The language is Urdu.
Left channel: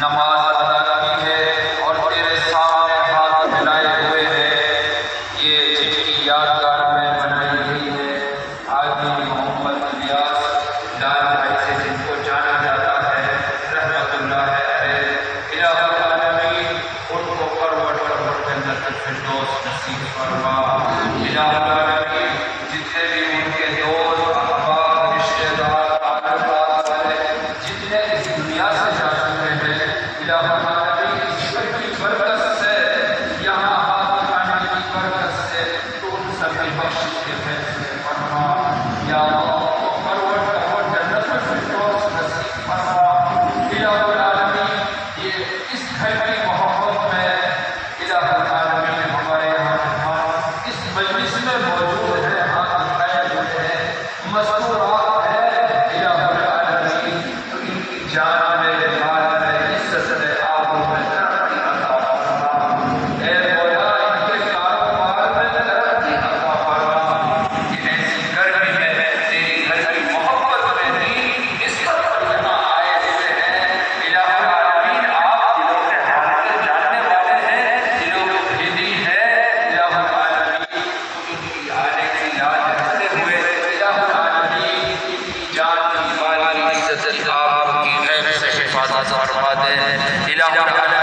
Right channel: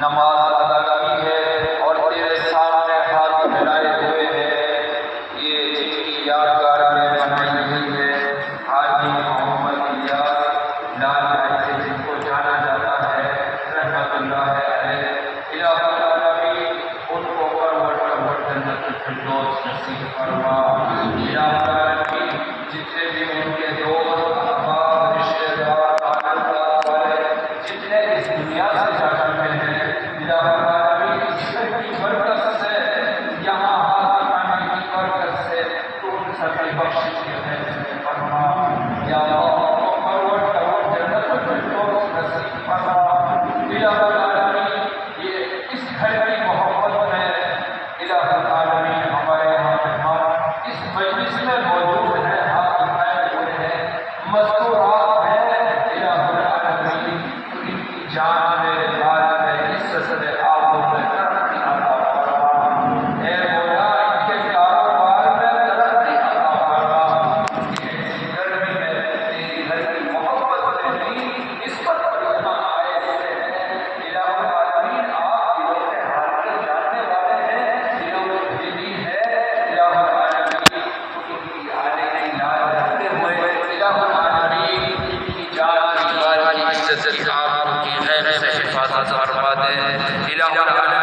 نماز ادا کی ہے اور تیرے سامنے ہاتھ پھیلائے ہوئے ہیں، یہ جن کی یادگار میں بنائی گئی ہے۔ حاجی محمد الیاس لال بھائی سے جن کو جانا جاتا ہے رحمت اللہ علیہ، الہ العالمین ان کو پرور جنت الفردوس نصیب فرما۔ الہ العالمین جتنے بھی ان کے دوست احباب رشتے دار تعلقات والے جتنے اس دنیا سے جا چکے ہیں، الہ العالمین اس سب کی برکت سے، یہاں ہاتھ اٹھانے کی برکت سے تو ان سب کی بخشش کے فیصلے فرما۔ یا اللہ پرور جنت الفردوس نصیب فرما۔ الہ العالمین یہ اس گھر کی محبت میں الہ العالمین ہمارے یہاں مہمان اس مجلس میں موجود ہیں، ہاتھ اٹھائے ہوئے ہیں، مستورات ہیں، الہ العالمین ان کی جان میں مال میں عزت میں آبرو میں ترقی عطا فرما۔ اے مولا ان کے کاروبار میں ترقی عطا فرما، کہ ایسی گرمی میں تیری گھر کی محبت میں دین کی نسبت پر یہاں آئے ہوئے ہیں۔ الہ العالمین آپ دلوں کے حال کے جاننے والے ہیں، دلوں میں بھیدی ہے، الہ العالمین ان کی آنے کی یاد رکھتے ہوئے الہ العالمین ان کی جان کی باری عزت کی آپ کی خیر سے حفاظت فرما دے۔ الہ العالمین